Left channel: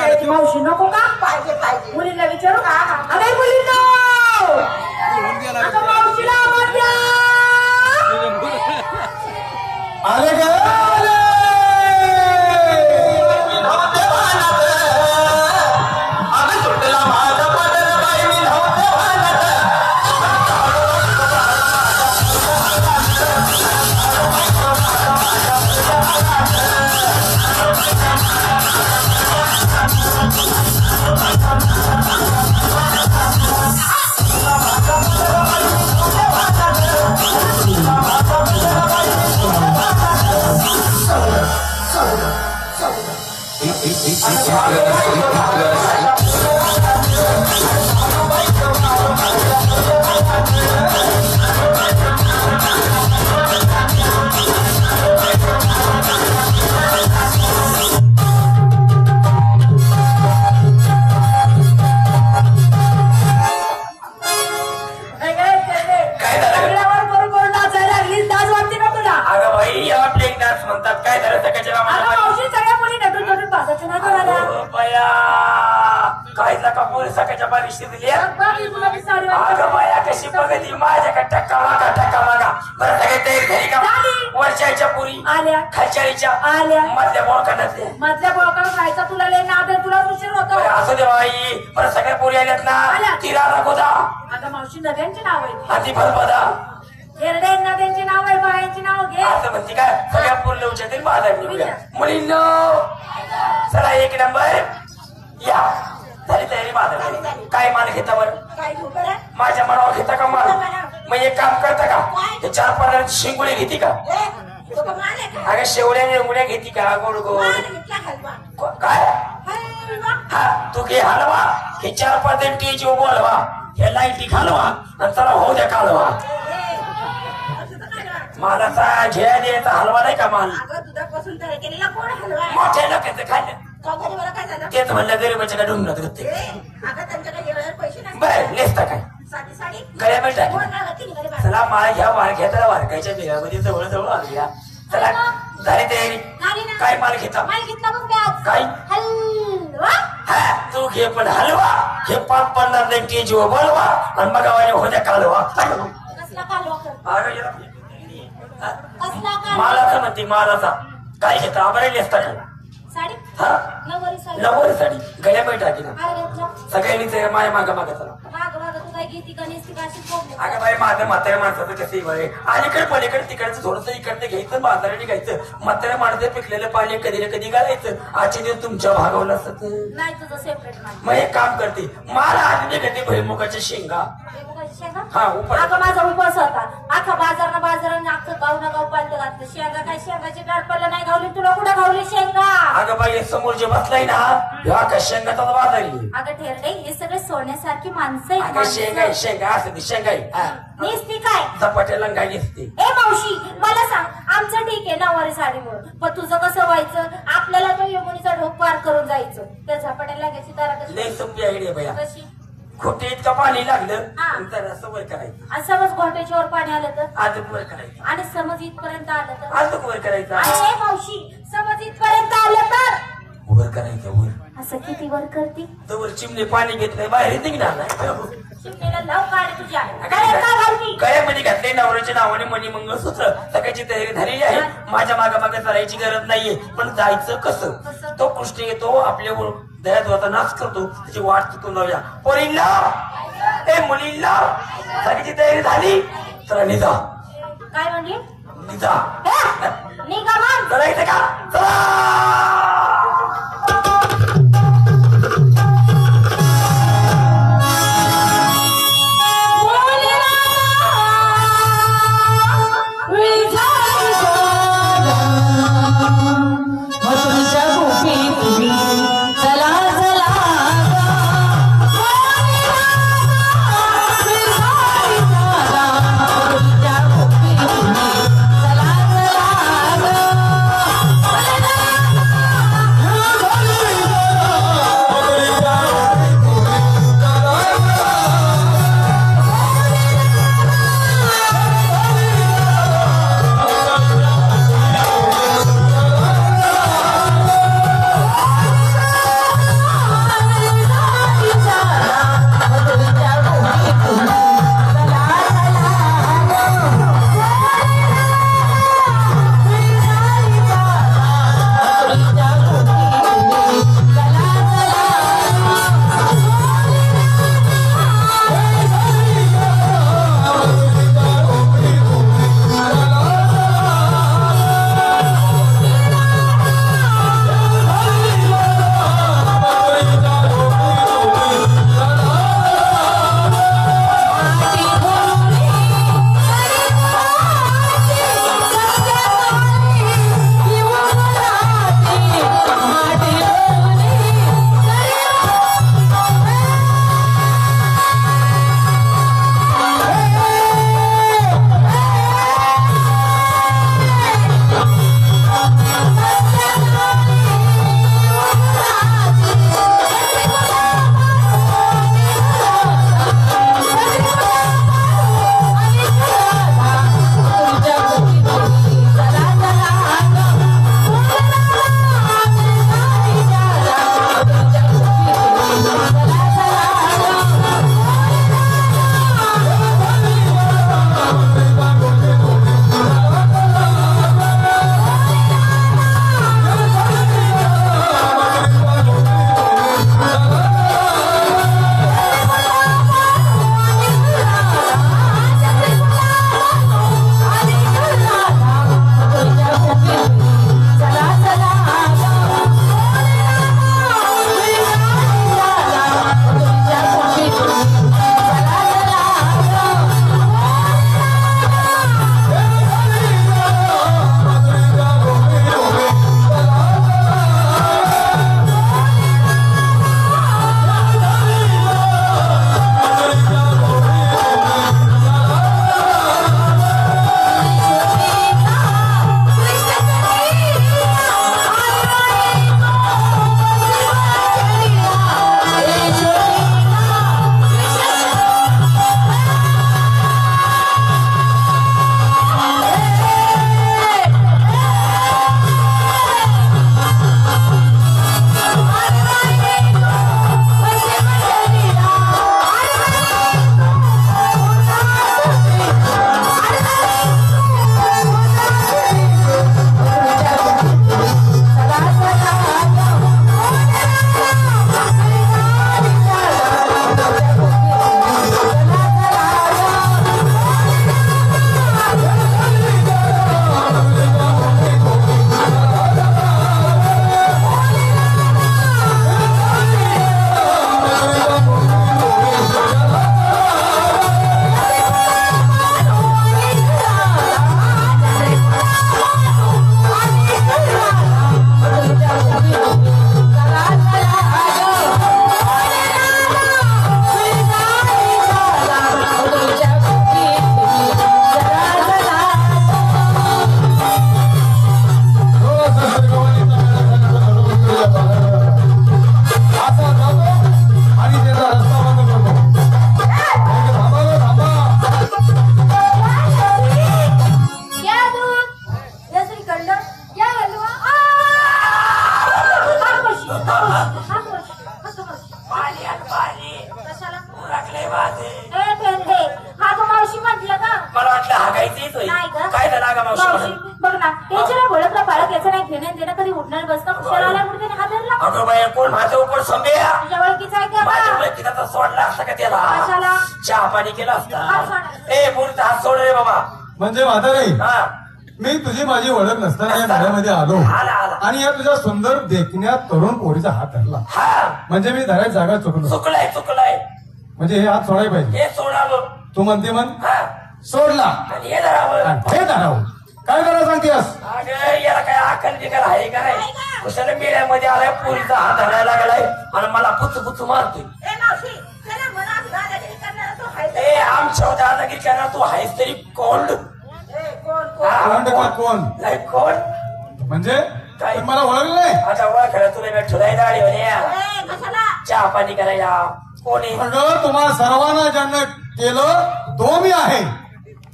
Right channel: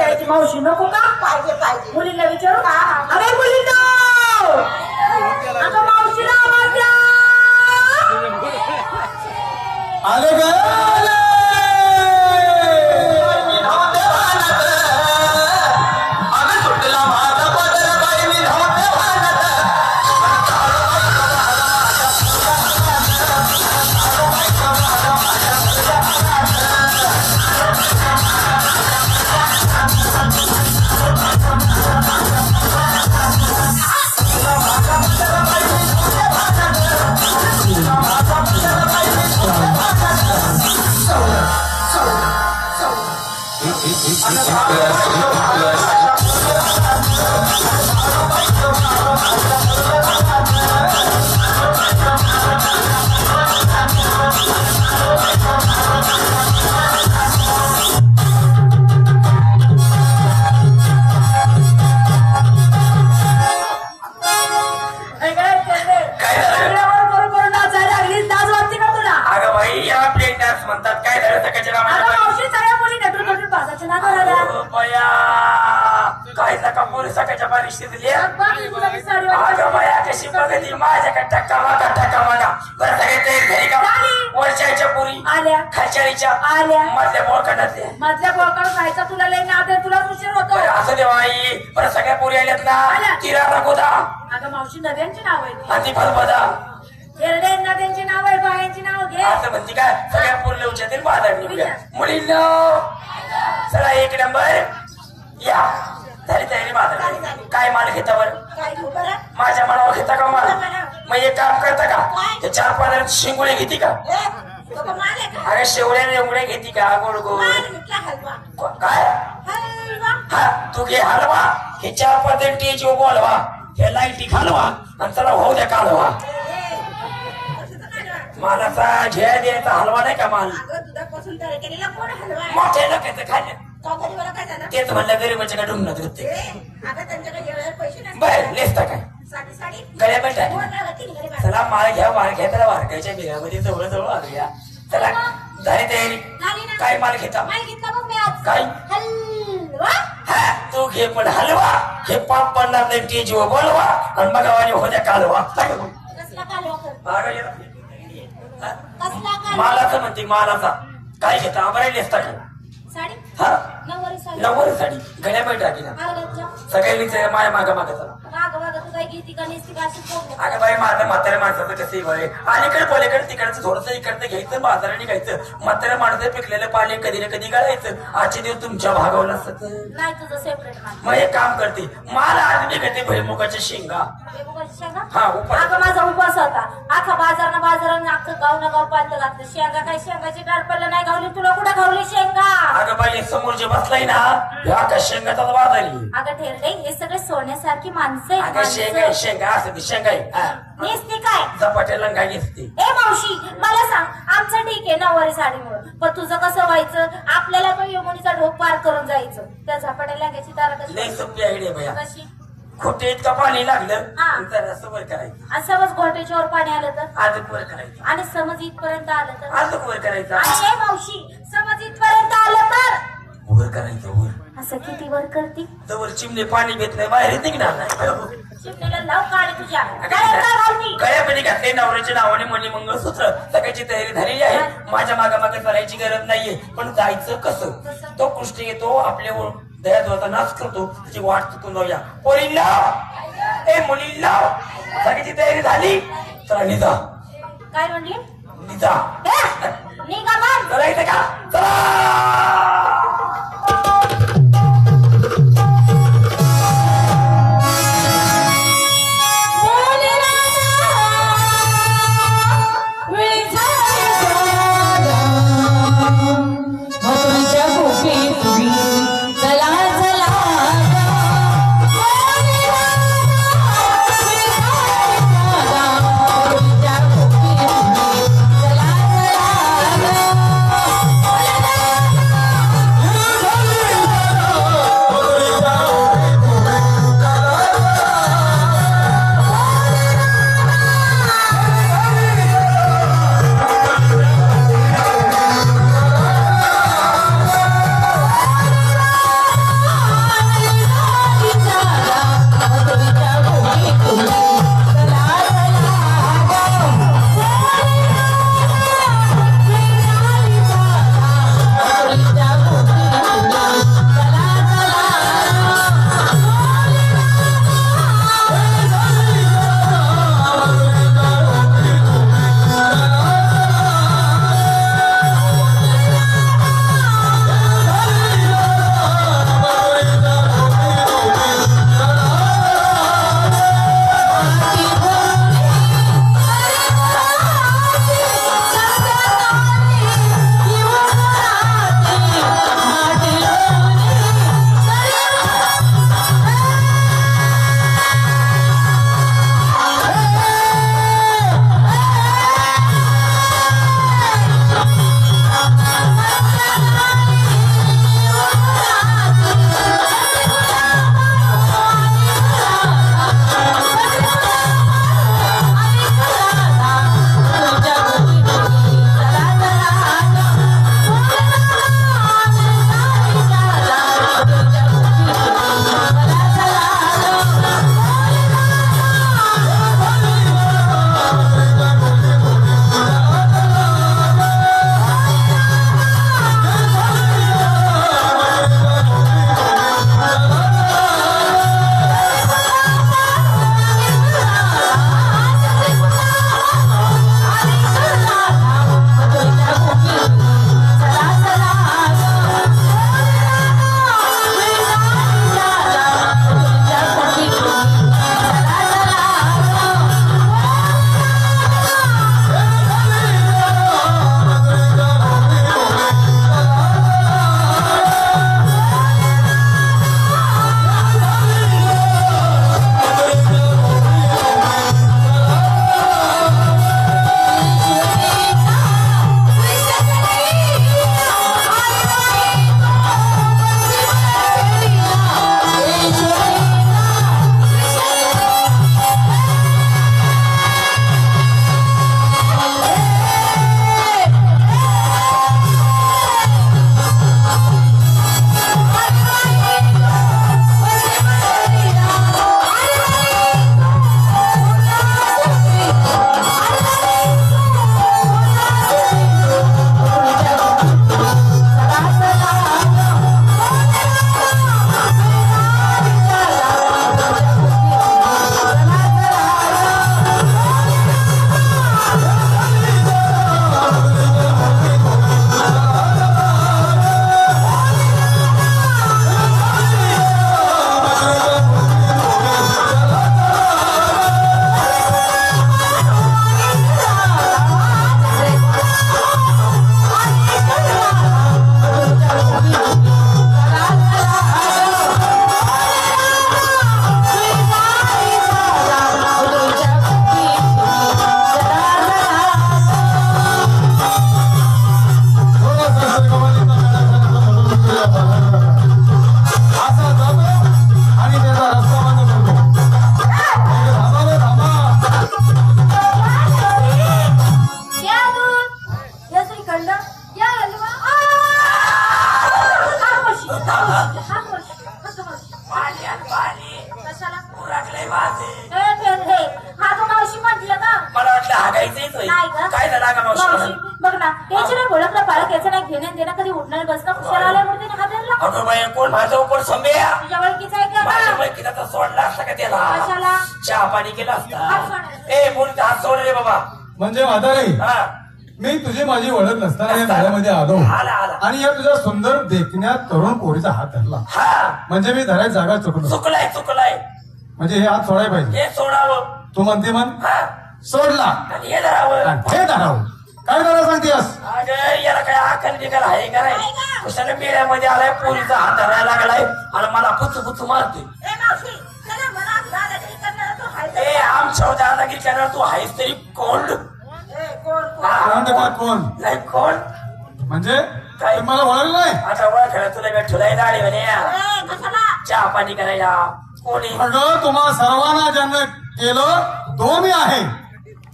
यायची मावशी नको का पाहिजे पाहिजे मुलींना विचारू अरे मुलींना अगं मावशीला आवाज द्या आले वर्षाच्या पुरी आल्या खालच्याच्या आल्या मधल्या बोळकांडातल्या मधल्या बोळकांड जायचा तुला लई नाद तुला उशीर होतो असं देवा आई पण सगळ्या पुरी आल्यात ना तिराला गोदा आता मावशी नद्यांची नाव आहे आणि फलपदा एरड्या नद्यांची नाव आहे बायांची नाव घे असं म्हणते काय सगळ्या पुरल्या उच्चातील बाधा मुलींनो चला एक नंबर या झाली तयारी माझा काय माल घेता बरं माझ्या मनावर घेता का माल मग एक काम करता का हे 4-5 शिंगोळे घेते का अगं शेवड्या रेवड्या घेते का गोड गोड काय हा तू घे हलवा हे 4-5 टेज बोलवा हे लाईटी घालवा आणि चला होऊ द्या कालवा मालाचा झेळ द्यायचा हलवा नाही का माल मोठ्या लोकांचं खाल्लं तेच म्हणलं गरीबाच्या का ढुंगणात होते बर नेसता काय गळ्या मिळतात चला माळ घ्या माळ घ्या त्याला वारकायच्या बिलामध्ये जवळ जवळ आलूया चला झाली तयारी काय माल घेता काय हा तू घे पण हलवा हे 5-50 नाही टेज बोलवा आणि मग होत्या कालवा मालाचं म्हणते मालाचा काय घेता आम्हाला नेसता काय हा नववारी साडी गळ्या पण टाकी ना सगळ्यांनी माझ्या मागा मागा चला अगं बाई माझं म्हाताऱ्या माणसाचं कसं बरे अलीकडे पलीकडे तिकडचं थोडंसं इकडचं घ्यायचं बाजाराने घ्यायचं म्हाताऱ्या माणसं पिकलेलं पाणी कधी ना कधी घालायचं आजचे दिवस तुमच्या भागावलं असत मग एक काम करते मला आणली घेते भैमुखाच्या शेंगा हा अगं माझा उपवास होता अख्खा बाजारानं अख्खं गाव ना गाव पालत घातलं शेंगा काय शेंगाची डाळपल्ला नाही गावली तुला कुठं गावली शेंगा अगं बाई समोर जे बसलाय ना ह्या का शेंगाचा बाजारी अगं ठेरडे हे सगळे सोन्यासारखी माणसं अगं शेंगा शेंगा असं ती शेंगाई नेसती काय झपाट्या लंगा घेसते ए मावशी मला सांग आमचं ठीक आहे नववारी साडीमुळं पण तुझं कसं व्हायचं आपल्याला तो यमुनीचा ढोक पार करून जायचं त्या झपाट्या लागायची तारा लई सोपी आयडिया भैया कशी खोटे इतका पाणी लागलं तर सवय करायचं आणि समज घोट्याच्यावर पाणी आलं तर आजूक वर करायचं आणि समज इथपर्यंत आलं तर आजूक वर करायचं आणि मावशी समज इथपर्यंत आलं तर वर करायचं वर असं किती वर करते जवळ चिमणे पाणी घेतलंय बाहेर निघणार नाही चिमण्याला लाव पाणी तुझ्या गळ्यामध्ये घातले नवऱ्याच्या नावाने मणी मंगळसूत्र सगळ्याची तयारी झालेली आहे माझ्या मागे चालायची गरज नाहीये पण जायचं कसं तो कृष्ण येतो आपल्या दयात होता नाच करतो त्याची वाट चुकून जाऊया पोरींना ए मुलींना सगळ्याची तयारी झाली चला निघा काय म्हणली निघा निघा मग चला इथे का चला ना त्याची नाही ओळखलं पालक याचं नाही घेणं देणं कधी उठणार बसणं कुशाला आल्या म्हणून त्याने हादरला. अगं बाई कोण माझ्या उपवर संभ्या तुझ्या ओळखीचा आहे का माझ्या ओळखीचा तर सोडला असता का त्याला कशाला? चहा पाणी केला असता. ए बोलता हात सोड रे बाबा. म्हणजे म्हातारी हा मी तुझी माझी ओळख नसताना या घरामध्ये आलो आला आला आणि या तुझ्या सुंदर देखण्यात तरुण पोरीचा हात धरला. हा म्हणजे मी धरायची जागा चुकलो. चुकलाय म्हणजे हे हात सोडायला पाहिजे. हे सोडावं. तू म्हणते म्हण हा सोडला आणि हे धरावं. आणि हे धरावं. काय करायला सांगतेस? अगं याला काय आकल बिकल आहे का नाही. कुशाने मेळ्यामध्ये आलाय पोरीचा हात धरायला लागलाय आणि मला पुच मारते. ए आमच्या दादागिरी करणार तू आहेस तरी कोल्ड कोण का कोण नाही कोण म्हणजे काय? मला ओळखलं नाही. आता ओळखायला तुला मी ठुलाय गाडी म्हणे चहा पाणी करायला कोणी अगं तुम्हाला सर्वांना ज्यांना केलं तो मी आहे.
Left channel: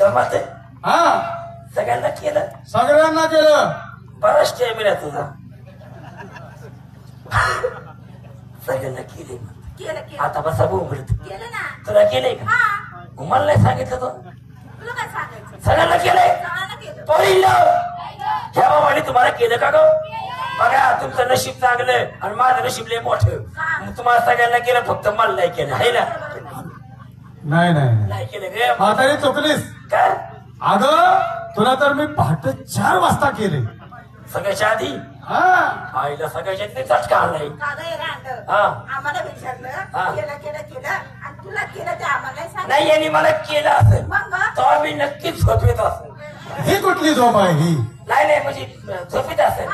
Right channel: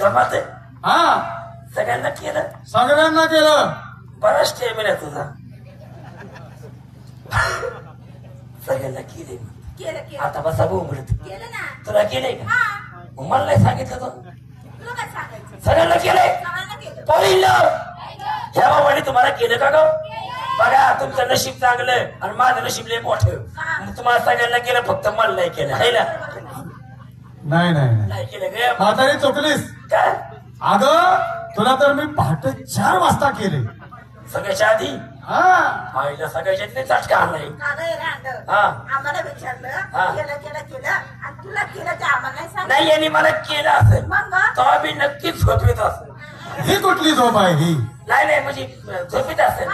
जमत हा सगळ्यांना केलं सगळ्यांना केलं. बराच टाइम आहे तुझा. सगळ्यांना केले आता बसा बोलत तुला केलंय का? मला नाही सांगितलं तो सगळ्यांना केलंय. पहिलं ह्या बाबाने तुम्हाला केलं का ग? बघा तुमचं नशीब चांगलं आणि माझं नशीब लय मोठं. तुम्हाला सगळ्यांना केलं फक्त मला नाही केलं आहे ना. नाही नाही नाही केलं गे म्हातारी चुकलीस. काय अगं तुला तर मी पहाटे 4 वाजता केले. सगळ्याच्या आधी हा आईला सगळ्याच्या आधी झटका आणलाय. आम्हाला विचारलं केलं आणि तुला केलं ते आम्हाला नाही यांनी मला केलं असेल मग? तर मी नक्कीच झोपेत असेल. ही कुठली झोप आहे ही? नाही म्हणजे झोपेत असेल.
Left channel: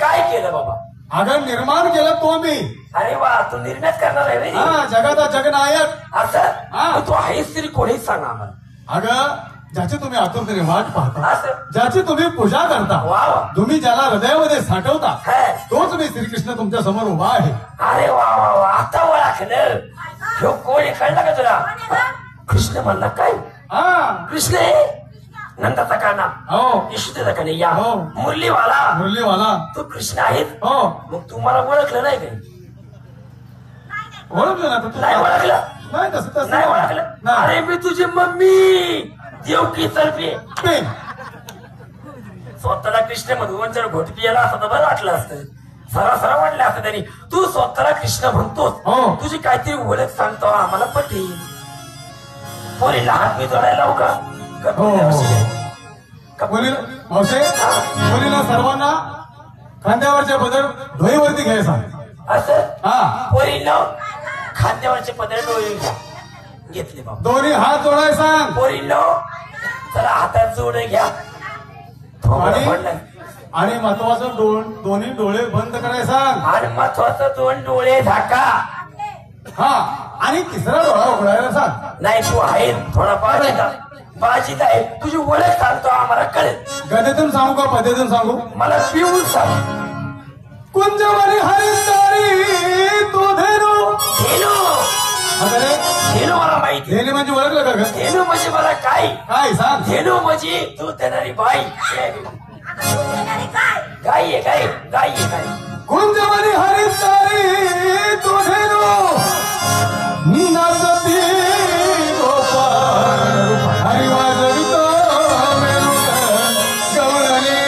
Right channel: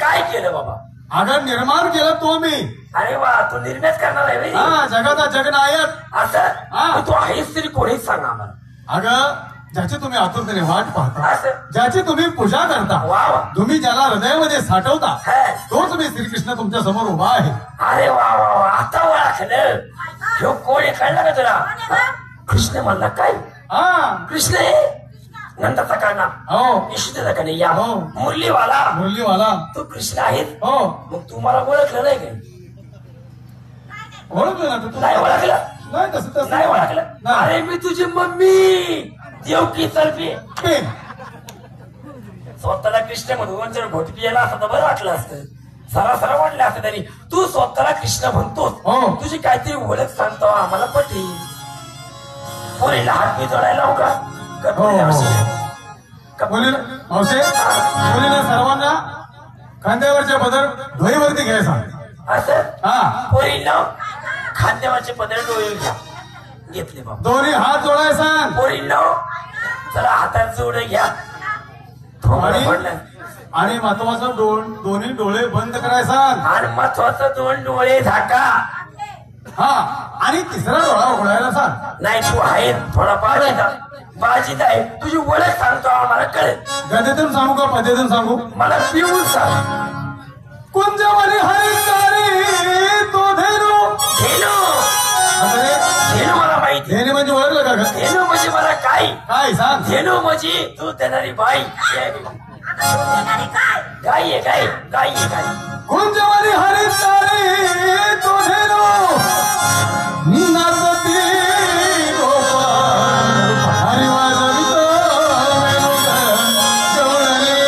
काय केलं बाबा? अगं निर्माण केलं तो मी. अरे वा तू निर्मित करणार आहे व्हय? हा जगाचा जगनायक. असं हा. मग तू आहेस तरी कोणीच सांगा आम्हाला. अगं ज्याची तुम्ही आतुरतेने वाट पाहता असं ज्याची तुम्ही पूजा करता वा वा तुम्ही ज्याला हृदयामध्ये साठवता हा. तोच मी श्रीकृष्ण तुमच्या समोर उभा आहे. अरे वा आता ओळखलं. ह्यो कोण कळलं का तुला? कृष्ण म्हणला काय? हा कृष्ण आहे नंदाचा काना हो यशोदेचा कन्हैया हो. मुरलीवाला मुरलीवाला तू कृष्ण आहेस. हो मग तू मला ओळखलं नाही काय? ओळखलं ना तू? नाही ओळखलं. नाही तसं नाही ओळखलं. नाही. अरे मी तुझी मम्मी देवकी तर्फे प्रेम. स्वतःला कृष्ण म्हणून जर घोट पियाला असं तर बरं वाटलं असतं. सरासरा वाटलं असतं तरी तू स्वतःला कृष्ण म्हणतोस. हो. तुझी काहीतरी ओळख सांगतो आम्हाला पटेल. पोरीला हात मी जोडायला लावू का? हो मुलीला मावसे मुलीला सर्वांना खांद्यावरचे पदर ढोईवरती घ्यायला सांग. असं हा पोरीला खांद्यावरचे पदर डोळे घ्या. घेतले बाबा. दोन्ही हात जोडायला सांग. पोरीला चला हातात जोड घ्या. थोडं पडलं. आणि महत्वाचं दोन्ही डोळे बंद करायला सांग. आणि महत्वाचं 2 डोळे झाका. हा आणि तिसरा डोळा उघडायला सांग. नाही तू आहे थोडा बाजीत आहे. तुझी ओळख सांगतो आम्हाला कळेल. गदेतून सांगू का पदेतून सांगू? मला पिऊन सांग. कुंजवानी हरितारी तो धेनू. धेनू धेनू मला माहिती. धेनी म्हणजे ओळखलं का ग? धेनू म्हणजे मला काय? काय सांग? धेनू म्हणजे तू देणारी बाई. गाय आहे गाय गाय आहे गाय. कुंजवानी हरितारी तो धेनू नर्तती गोपाळ हरी वाजवितो गवळणे.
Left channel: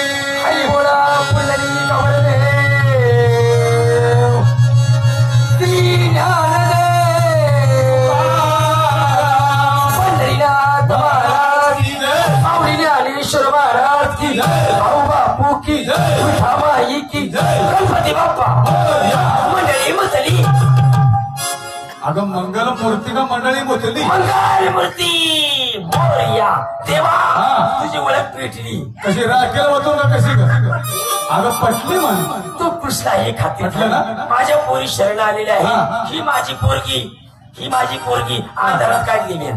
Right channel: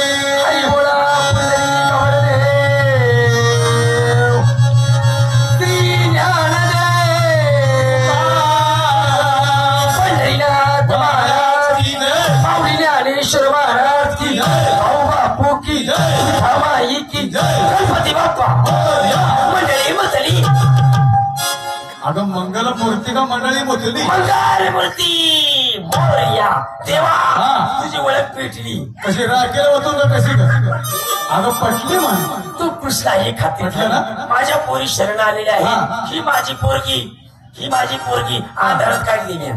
हरी बोला पुंडरी कवळदेव श्री ज्ञानदेव पंढरीनाथ महाराज माऊली ज्ञानेश्वर महाराज की भाऊ बापू की विठा माई की गणपती बाप्पा मंडळी मचली. अगं मंगल मूर्ती का मंडळी मोठली? मंगल मूर्ती मोरया देवा. हा. तुझी ओळख पेटली. कशी राखेल होतो का कशी का? अगं पटली म्हणे. तू कृष्ण हे खाते ना? माझ्या पोरी शरण आलेल्या हा. आहे. ही माझी पोरगी आंधळात काढली मी.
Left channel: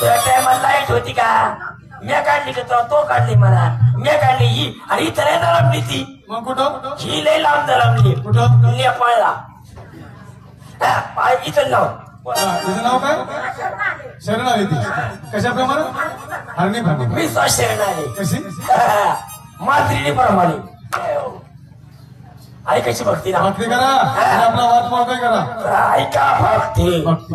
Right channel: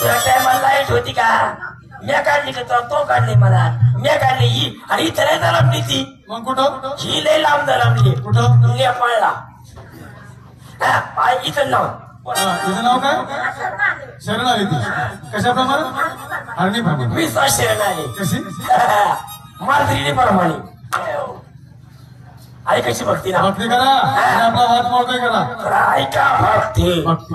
तुला टायमाला लाईट होती का? मी काढली का? तो काढली मला. मी काढली ही आणि इथं नाही दलामली ती. मग कुठं? ही लय लांब दलामली. कुठं? नेपाळला. इथं लाव. तुझं नाव काय? शरणाली ती. कशाप्रमाणे? हरणीप्रमाणे. मी शरण आले. कशी? मांजरीने प्रमाणे. आई कशी भक्ती ना भक्ती करा आणि आपला वाट मोकळा करा. ऐका भक्ती. भक्ती